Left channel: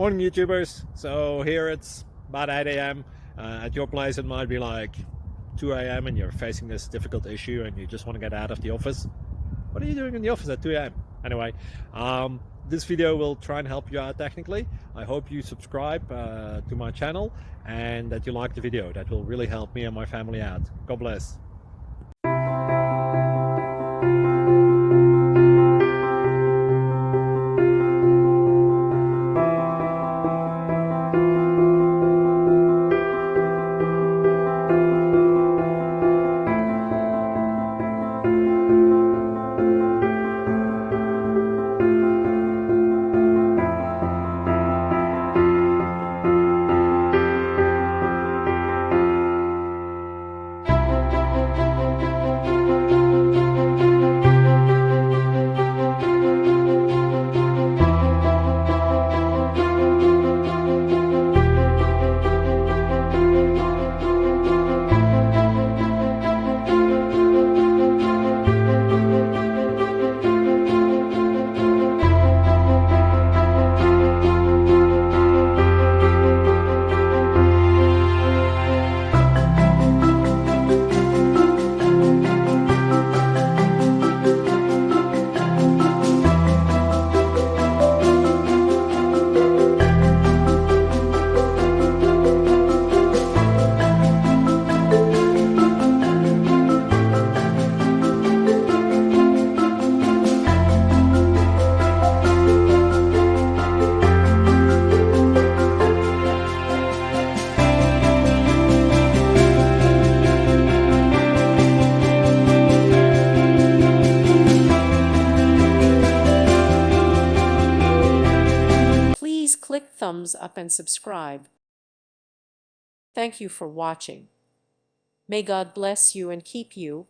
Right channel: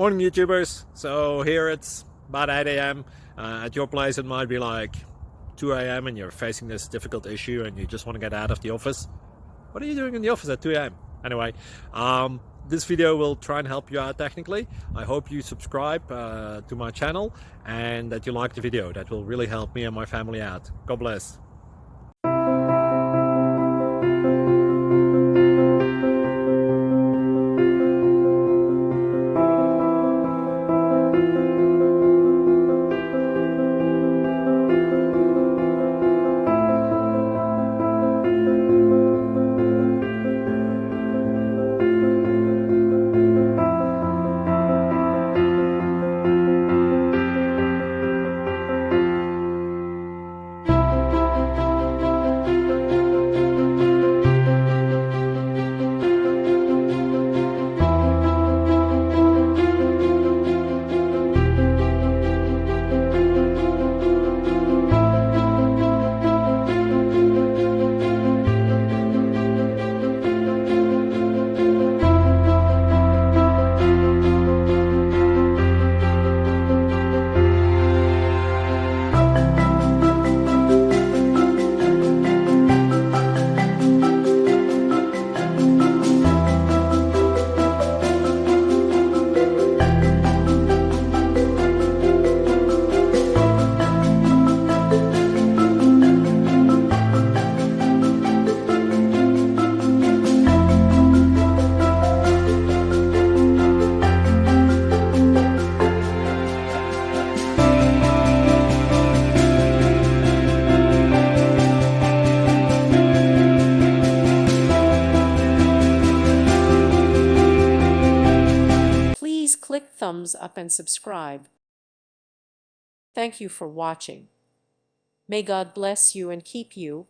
Morning YouTubers. So here it's about 8 a.m. At your place it might be like 2 a.m. and you're facing this difficult issue and you just want to get out of the office. What are you doing in the office at 2 a.m.? Anyway, this video will try and help you out technically. I hope you subscribe to my channel and that you like the video. That will really help me and my family out. God bless. Please click thumbs up and subscribe. Thank you for watching. May God bless you and keep you.